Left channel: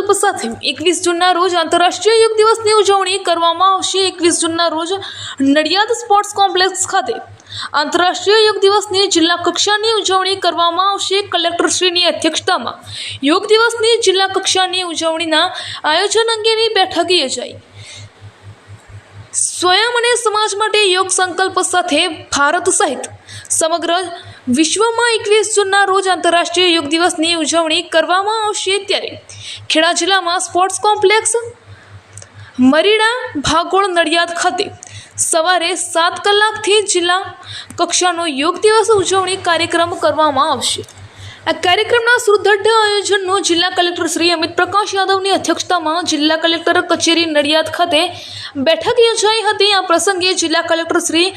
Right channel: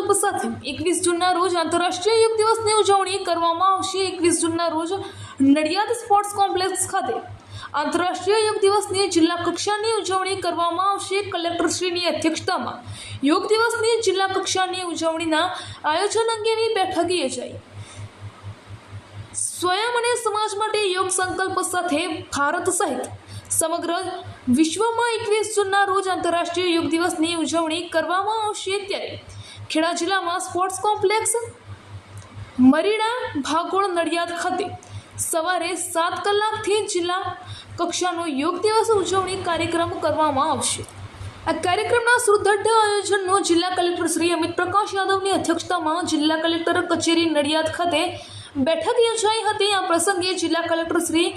સંકલ્પ સાથે 21 જૂનના રોજ આંતરરાષ્ટ્રીય યોગ દિવસની ઉજવણી કરવામાં આવશે। 21 જૂનના રોજ નડિયાદ સ્પોર્ટ્સ કોમ્પ્લેક્સ ખાતે આંતરરાષ્ટ્રીય યોગ દિવસની જિલ્લા કક્ષાની ઉજવણી કરવામાં આવશે। કલેક્ટરશ્રીની અધ્યક્ષતામાં યોગ દિવસની જિલ્લા કક્ષાની ઉજવણીના આયોજન અંગેની બેઠક યોજાઈ। સ્વયં અને સમાજ માટે યોગ સંકલ્પ સાથે ભારત સહિત સમગ્ર વિશ્વમાં 21 જૂનના રોજ આંતરરાષ્ટ્રીય યોગ દિવસની ઉજવણી કરવામાં આવશે। ત્યારે ખેડા જિલ્લામાં સ્પોર્ટ્સ કોમ્પ્લેક્સ મરીડા ભાગોળ નડિયાદ ખાતે સવારે 7 કલાકથી જિલ્લા કક્ષાનો યોગ દિવસ ઉજવણી કાર્યક્રમ કરવામાં આવશે। આ કાર્યક્રમના સુદૃઢ આયોજનનો જિલ્લા કલેક્ટર શ્રી અમિત પ્રકાશ યાદવની અધ્યક્ષતામાં જિલ્લા કલેક્ટર કચેરી નડિયાદ ખાતે બેઠક યોજાઈ હતી। આ પ્રસંગે જિલ્લા કલેક્ટર શ્રી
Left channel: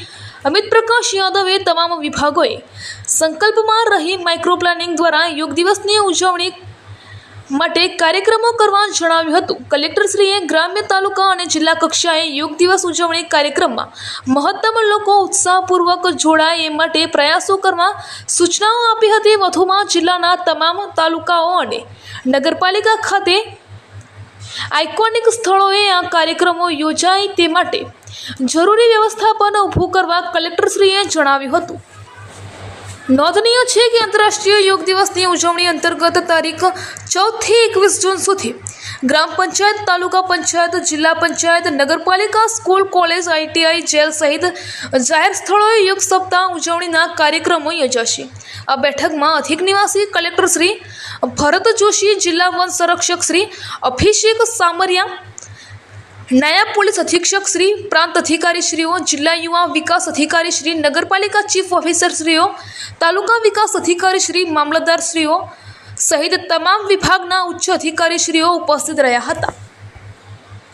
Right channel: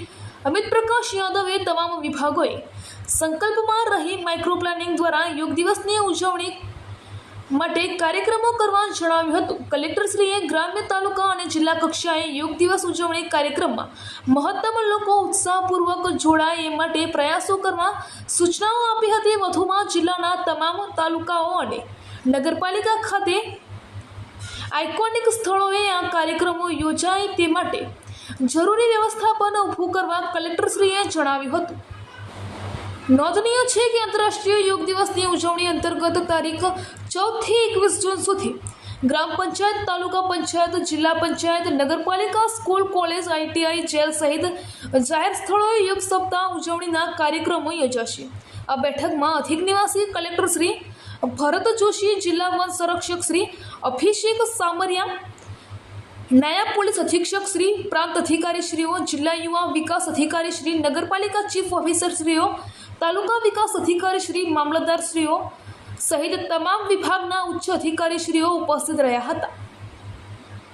અમિત પ્રકાશ યાદવે તમામ વિભાગોએ સંકલ્પમાં રહી માઇક્રો પ્લાનિંગ દ્વારા યોગ દિવસની ઉજવણી માટે કાર્યક્રમો કરવા જણાવ્યું હતું। કલેક્ટરશ્રીએ ગ્રામ્ય તાલુકા અને જિલ્લા કક્ષાએ યોગ દિવસ ઉજવણી કાર્યક્રમમાં મહત્તમ લોકો ઉત્સાહપૂર્વક જોડાય એ માટે પ્રયાસો કરવા સૂચનાઓ આપી હતી। વધુમાં જિલ્લાના તમામ તાલુકાઓ અને નગરપાલિકા ખાતે આઇકોનિક સ્થળોએ આ કાર્યક્રમો યોજાય તે માટે જરૂરી વ્યવસ્થાપન ઊભું કરવા કલેક્ટરશ્રીએ જણાવ્યું હતું। નોંધનીય છે કે આંતરરાષ્ટ્રીય યોગ દિવસની ઉજવણી અંતર્ગત તારીખ 14 થી 21 જૂન સુધી ગ્રામ પંચાયત, તાલુકા પંચાયત, જિલ્લા પંચાયત, નગરપાલિકા, સ્કૂલ, કોલેજ, ITI, જેલ સહિત જાહેર સ્થળોએ યોગ સપ્તાહ ઉજવણીના કાર્યક્રમો યોજાશે। આ બેઠકમાં અધિક નિવાસી કલેક્ટર શ્રી ભરત જોશી, જિલ્લા વન સંરક્ષક શ્રી અભિષેક સામરિયા, નાયબ પોલીસ અધિક્ષક શ્રી, પ્રાંત અધિકારી શ્રીઓ, જિલ્લા યુવા વિકાસ અધિકારી શ્રી, નગરપાલિકા ચીફ ઓફિસર શ્રીઓ, તાલુકા વિકાસ અધિકારી શ્રી, મામલતદાર શ્રીઓ સહિત તમામ વિભાગના ઉચ્ચ અધિકારી શ્રીઓ ઉપસ્થિત રહ્યા હતા।